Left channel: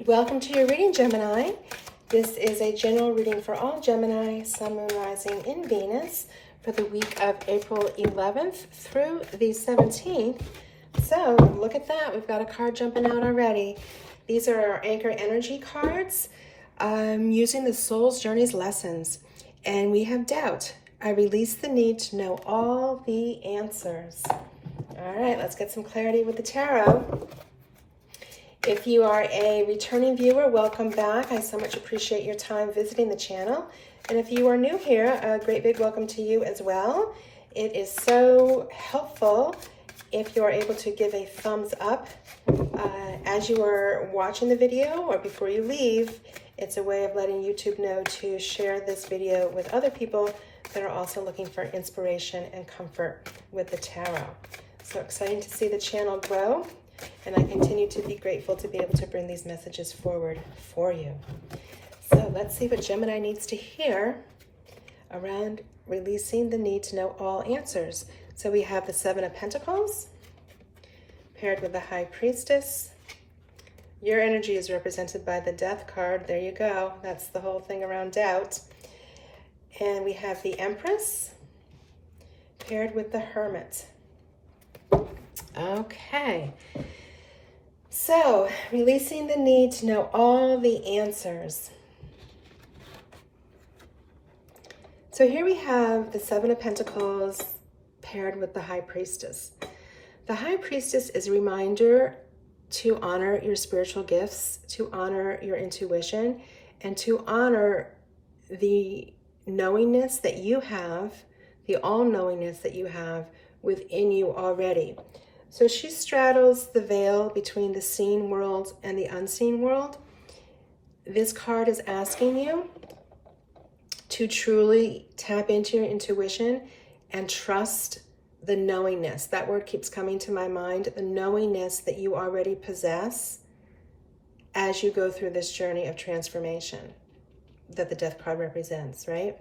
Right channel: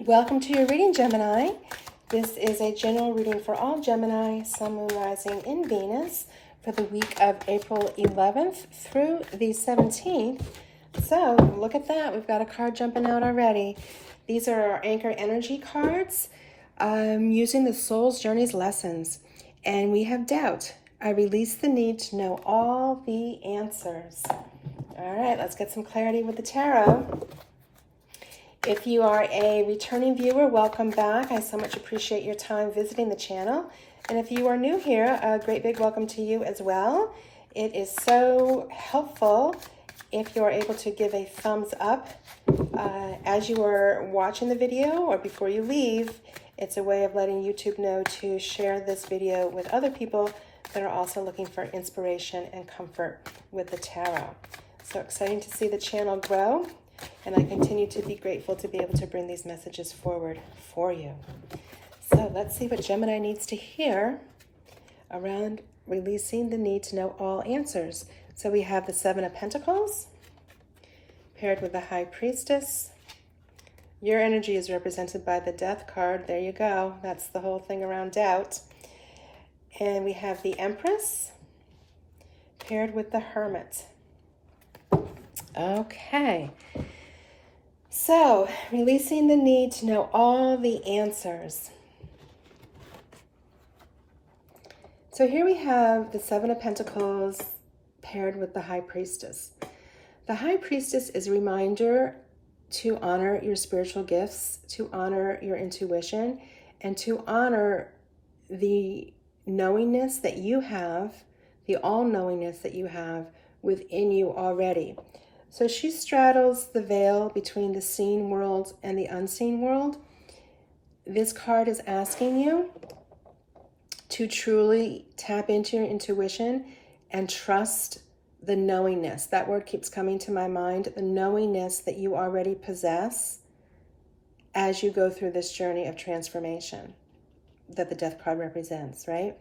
Welcome to your reading, Gemini. This is a general reading for all Gemini, Sun, Moon, Rising in Venus for the week of April 11th through the 17th. So look at that. We've got a card jumping out already. These are our anchor energy cards using the Soul's Journeys lessons. And we have doubt. I release the need to know all the answers. All right, let's get some clarity with the tarot. If you are a returning viewer, welcome back. I so much appreciate your time visiting the channel. And if you are new here, a great big welcome to you as well. It is so helpful if you're able to give a thumbs up as you are watching the video or before you leave. It's a way of letting YouTube know to share this video with other people that are also looking for inspiration and comfort with the tarot. So exciting to see the channel grow. And I continue to be grateful to be able to bring these messages forward for you. So let's see what Gemini needs to hear around releasing the need to know all answers. So we have the Seven of Pentacles paired with the High Priestess. Your energy is represented by the Death card. There you go. That's the whole thing around doubt. And we have the Empress paired with the Hermit. Okay, so releasing the need to know all the answers. So here we have the Seven of Pentacles paired with the High Priestess. The High Priestess is a reminder to honor your spiritual gifts, to honor your intuition, and to honor the knowingness that you have, the all-knowingness that you have within you already. So she straddles the veil between the seen world and the unseen world. This card is asking you to truly tap into your intuition and trust the knowingness. That word keeps coming to my mind, the knowingness that you already possess as you go through this journey of transformation that the Death card represents, right?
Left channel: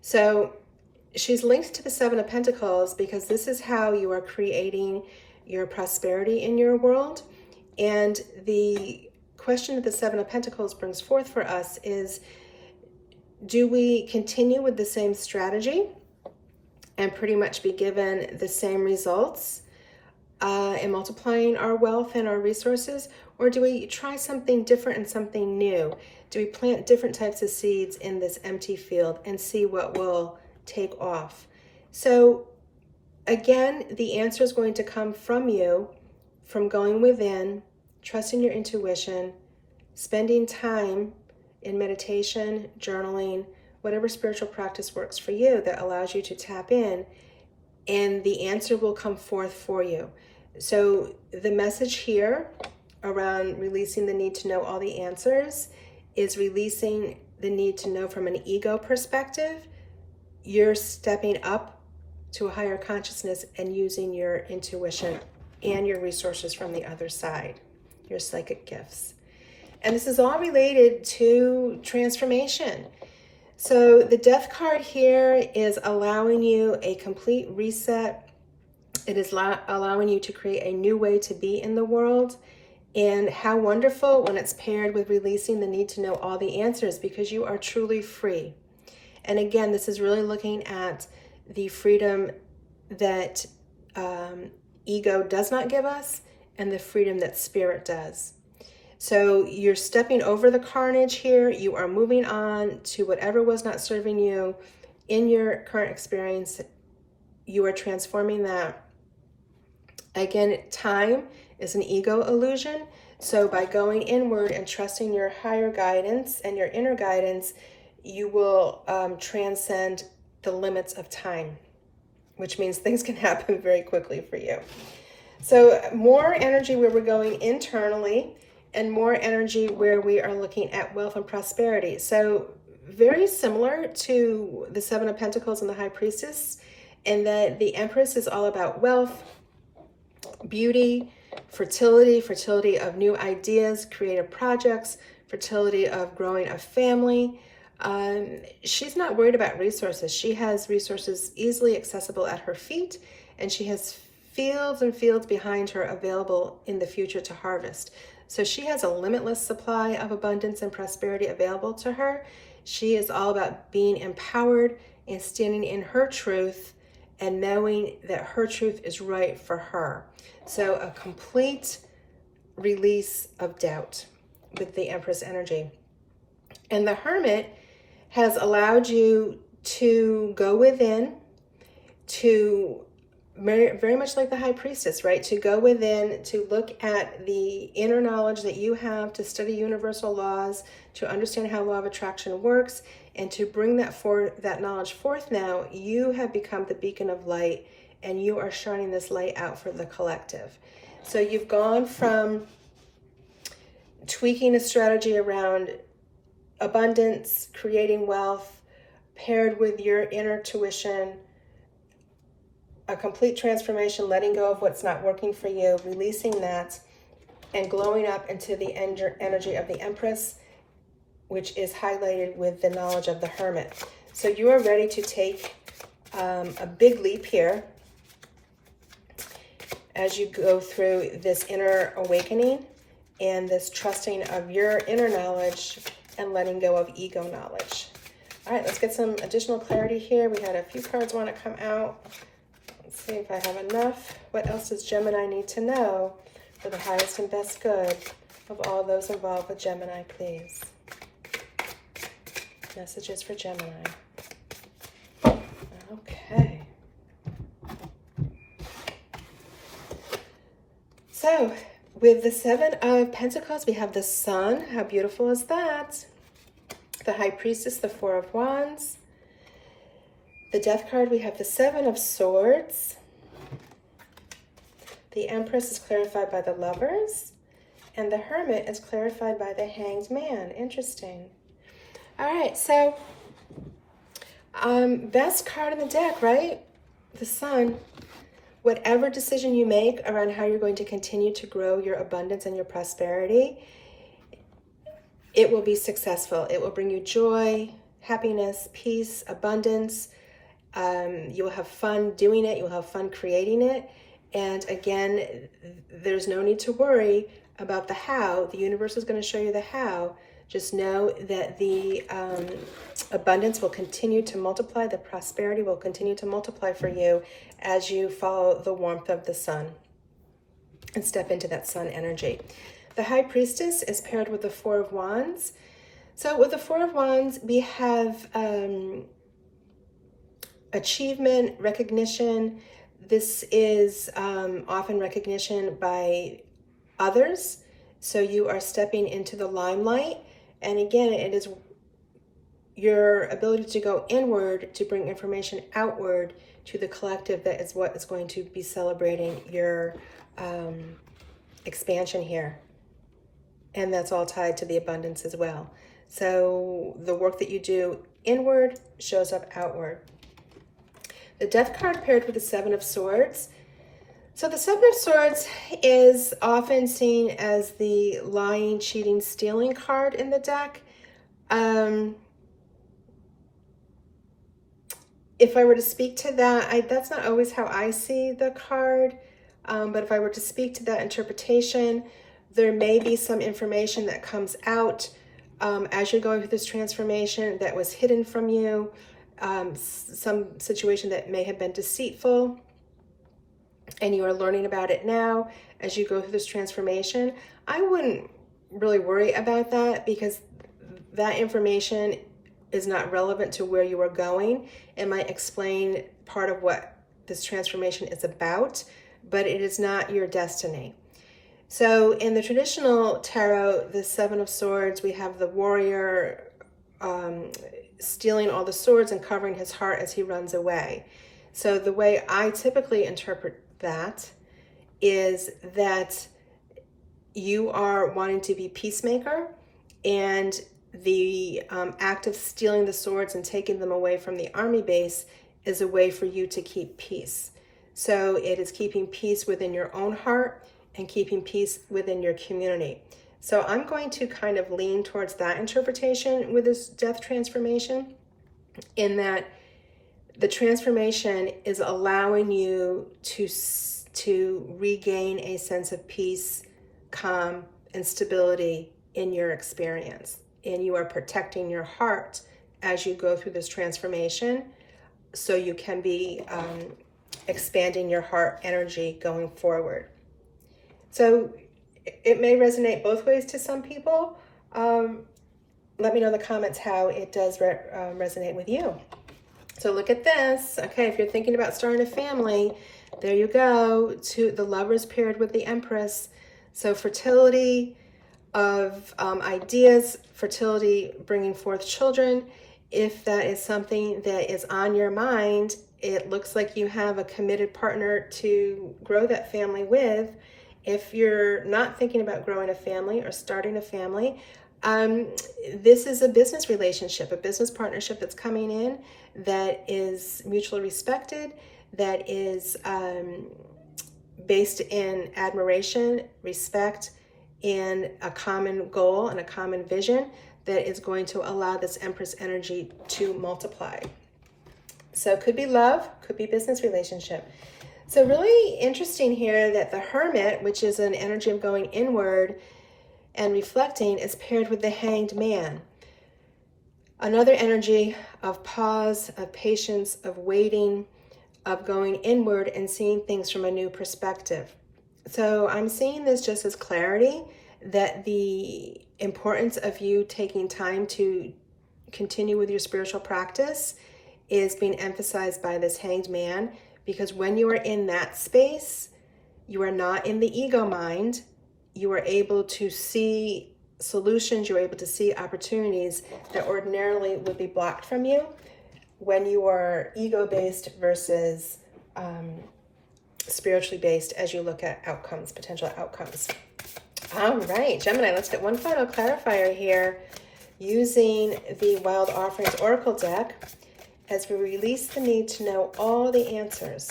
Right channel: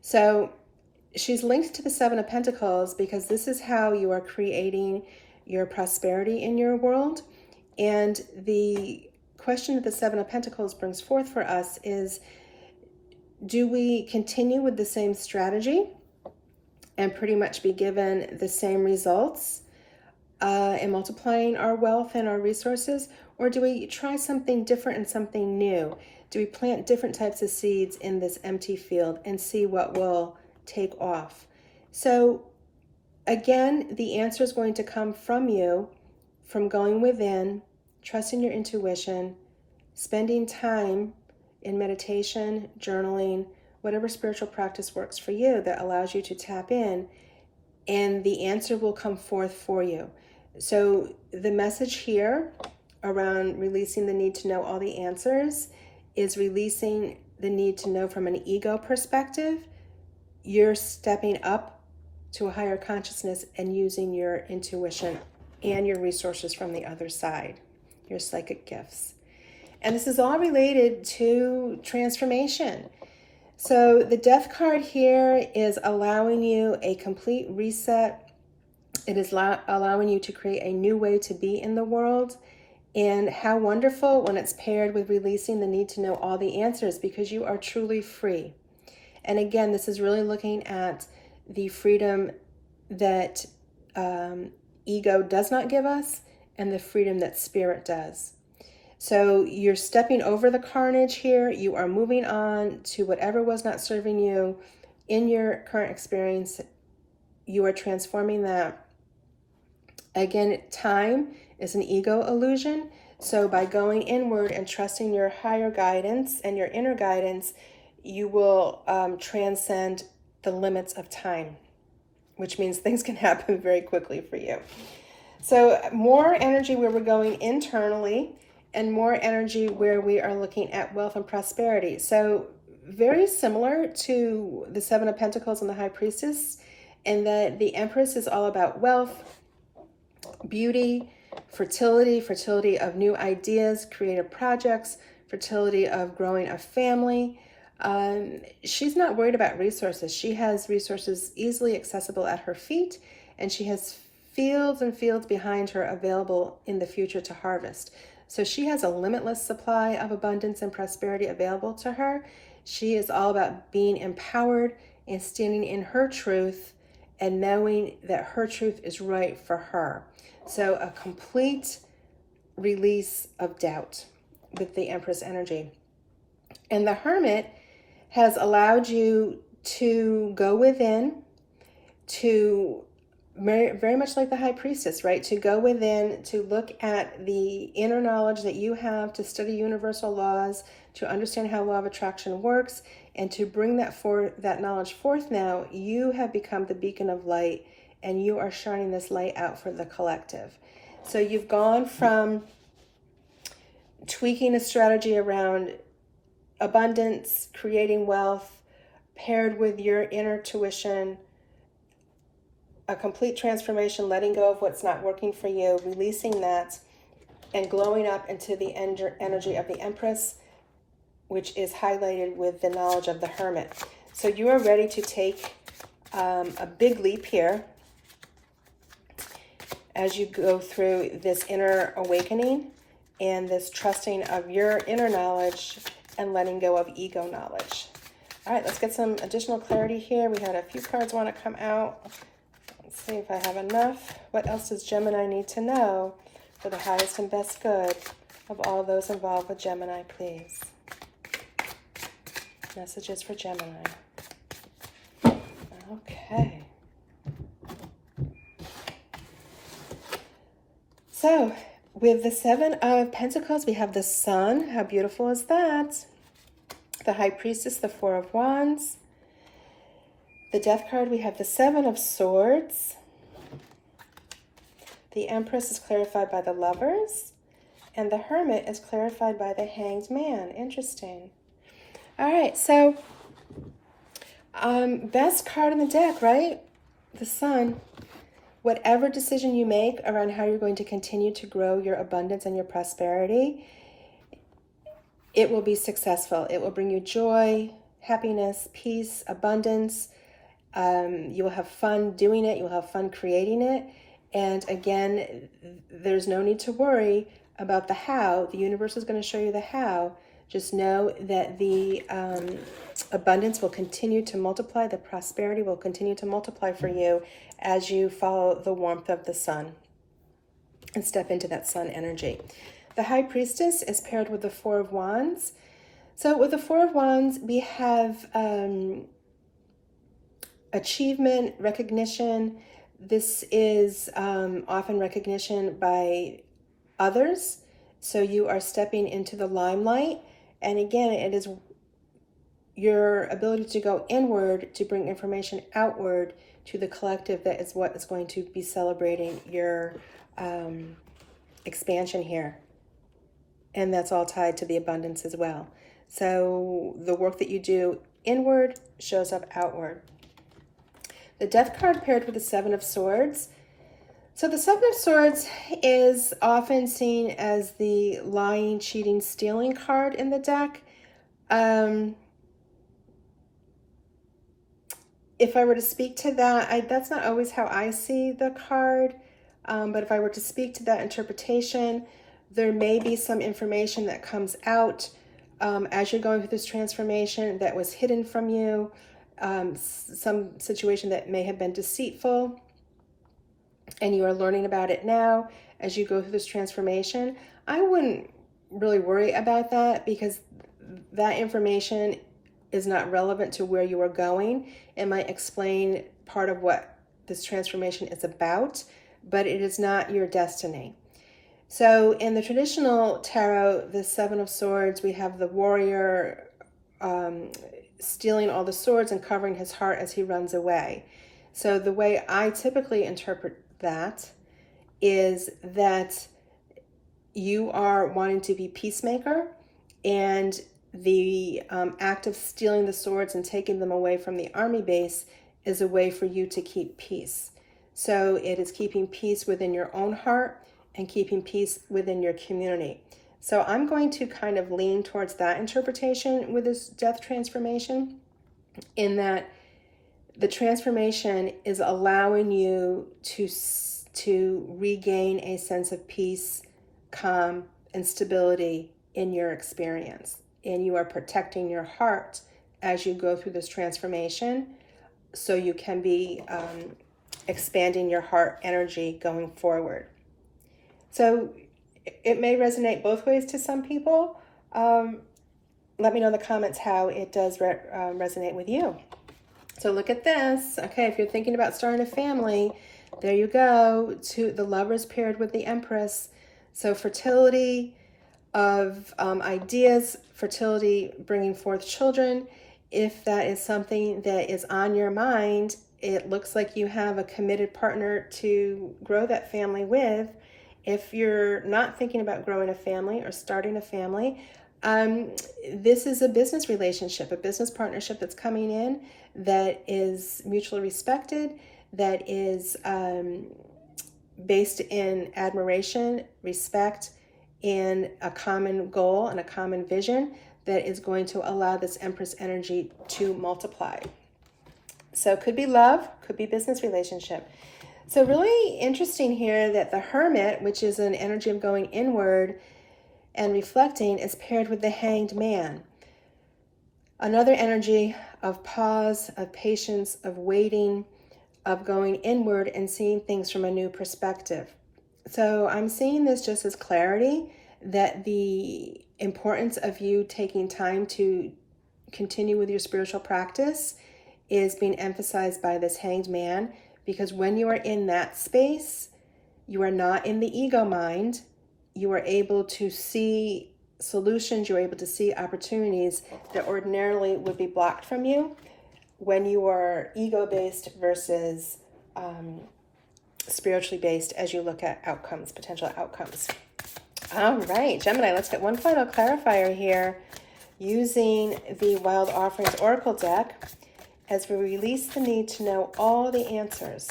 So she's linked to the Seven of Pentacles because this is how you are creating your prosperity in your world. And the question that the Seven of Pentacles brings forth for us is, do we continue with the same strategy and pretty much be given the same results in multiplying our wealth and our resources? Or do we try something different and something new? Do we plant different types of seeds in this empty field and see what will take off? So again, the answer is going to come from you, from going within, trusting your intuition, spending time in meditation, journaling, whatever spiritual practice works for you that allows you to tap in, and the answer will come forth for you. So the message here around releasing the need to know all the answers is releasing the need to know from an ego perspective. You're stepping up to a higher consciousness and using your intuition and your resources from the other side, your psychic gifts. And this is all related to transformation. So the Death card here is allowing you a complete reset. It is allowing you to create a new way to be in the world. And how wonderful when it's paired with releasing the need to know all the answers, because you are truly free. And again, this is really looking at the freedom that ego does not give us and the freedom that spirit does. So you're stepping over the carnage here. You are moving on to whatever was not serving you in your current experience. You are transforming that. Again, time is an ego illusion. So by going inward and trusting your higher guidance and your inner guidance, you will transcend the limits of time, which means things can happen very quickly for you. So more energy where we're going internally and more energy where we are looking at wealth and prosperity. So very similar to the Seven of Pentacles and the High Priestess, in that the Empress is all about wealth, beauty, fertility of new ideas, creative projects, fertility of growing a family. She's not worried about resources. She has resources easily accessible at her feet, and she has fields and fields behind her available in the future to harvest. So she has a limitless supply of abundance and prosperity available to her. She is all about being empowered and standing in her truth and knowing that her truth is right for her. So a complete release of doubt with the Empress energy. And the Hermit has allowed you to go within, to very much like the High Priestess, right? To go within, to look at the inner knowledge that you have, to study universal laws, to understand how law of attraction works, and to bring that knowledge forth. Now you have become the beacon of light, and you are shining this light out for the collective. So you've gone from tweaking a strategy around abundance, creating wealth, paired with your inner tuition, a complete transformation, letting go of what's not working for you, releasing that, and glowing up into the energy of the Empress, which is highlighted with the knowledge of the Hermit. So you are ready to take a big leap here as you go through this inner awakening and this trusting of your inner knowledge and letting go of ego knowledge. All right, let's get some additional clarity here. We had a few cards want to come out. Let's see if I have enough. What else does Gemini need to know for the highest and best good of all those involved with Gemini, please? Messages for Gemini. Okay. So, with the Seven of Pentacles, we have the Sun. How beautiful is that? The High Priestess, the Four of Wands. The Death card, we have the Seven of Swords. The Empress is clarified by the Lovers. And the Hermit is clarified by the Hanged Man. Interesting. All right, so best card in the deck, right? The Sun. Whatever decision you make around how you're going to continue to grow your abundance and your prosperity, it will be successful. It will bring you joy, happiness, peace, abundance. You will have fun doing it. You will have fun creating it. And again, there's no need to worry about the how. The universe is going to show you the how. Just know that the abundance will continue to multiply. The prosperity will continue to multiply for you as you follow the warmth of the sun and step into that sun energy. The High Priestess is paired with the Four of Wands. So with the Four of Wands, we have achievement, recognition. This is often recognition by others. So you are stepping into the limelight. And again, it is your ability to go inward to bring information outward to the collective that is what is going to be celebrating your expansion here. And that's all tied to the abundance as well. So the work that you do inward shows up outward. The Death card paired with the Seven of Swords. So the Seven of Swords is often seen as the lying, cheating, stealing card in the deck. If I were to speak to that, that's not always how I see the card. But if I were to speak to that interpretation, there may be some information that comes out as you're going through this transformation that was hidden from you, some situation that may have been deceitful, and you are learning about it now as you go through this transformation. I wouldn't really worry about that because that information is not relevant to where you are going. It might explain part of what this transformation is about, but it is not your destiny. So in the traditional tarot, the Seven of Swords, we have the warrior stealing all the swords and covering his heart as he runs away. So the way I typically interpret that is that you are wanting to be peacemaker, and the act of stealing the swords and taking them away from the army base is a way for you to keep peace. So it is keeping peace within your own heart and keeping peace within your community. So I'm going to kind of lean towards that interpretation with this death transformation, in that the transformation is allowing you to regain a sense of peace, calm, and stability in your experience. And you are protecting your heart as you go through this transformation, so you can be expanding your heart energy going forward. So it may resonate both ways to some people. Let me know in the comments how it does resonate with you. So look at this. Okay, if you're thinking about starting a family, there you go. The Lovers paired with the Empress. So fertility of ideas, fertility bringing forth children. If that is something that is on your mind, it looks like you have a committed partner to grow that family with. If you're not thinking about growing a family or starting a family, this is a business relationship, a business partnership that's coming in that is mutually respected, that is based in admiration, respect, and a common goal and a common vision that is going to allow this Empress energy to multiply. So it could be love, could be business relationship. So really interesting here that the Hermit, which is an energy of going inward and reflecting, is paired with the Hanged Man. Another energy of pause, of patience, of waiting, of going inward and seeing things from a new perspective. So I'm seeing this just as clarity, that the importance of you taking time to continue with your spiritual practice is being emphasized by this Hanged Man, because when you are in that space, you are not in the ego mind. You are able to see solutions, you're able to see opportunities that ordinarily would be blocked from you when you are ego-based versus spiritually based as you look at outcomes, potential outcomes. All right, Gemini, let's get one final clarifier here using the Wild Offerings Oracle deck as we release the need to know all the answers.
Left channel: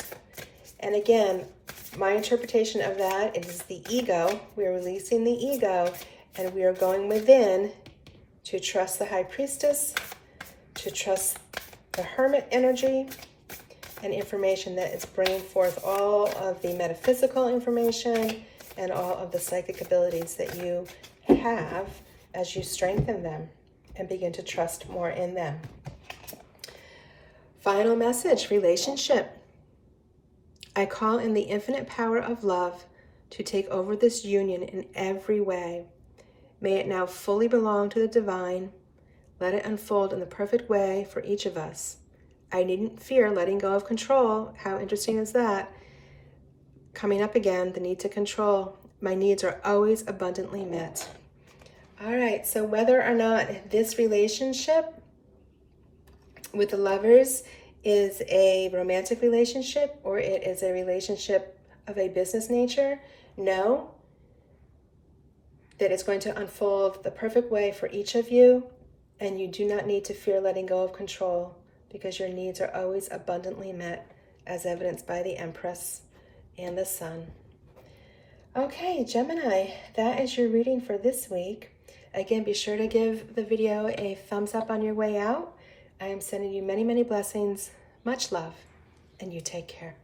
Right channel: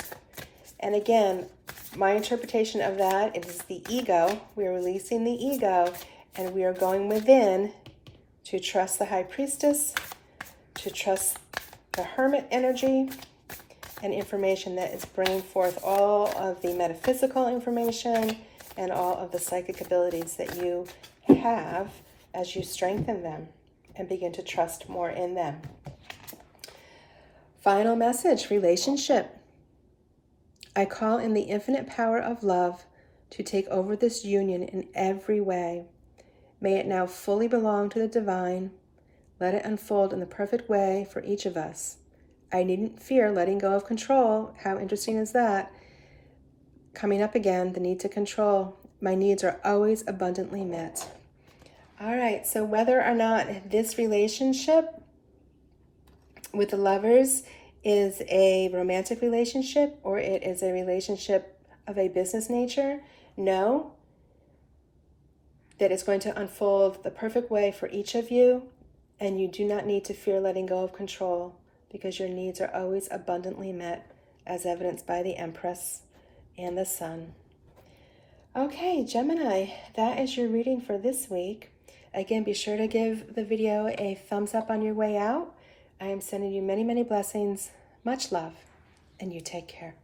And again, my interpretation of that is the ego. We are releasing the ego and we are going within to trust the High Priestess, to trust the Hermit energy and information that is bringing forth all of the metaphysical information and all of the psychic abilities that you have as you strengthen them and begin to trust more in them. Final message, relationship. I call in the infinite power of love to take over this union in every way. May it now fully belong to the divine. Let it unfold in the perfect way for each of us. I needn't fear letting go of control. How interesting is that? Coming up again, the need to control. My needs are always abundantly met. All right, so whether or not this relationship with the Lovers is a romantic relationship or it is a relationship of a business nature, know that it's going to unfold the perfect way for each of you, and you do not need to fear letting go of control because your needs are always abundantly met, as evidenced by the Empress and the Sun. Okay, Gemini, that is your reading for this week. Again, be sure to give the video a thumbs up on your way out. I am sending you many, many blessings, much love, and you take care.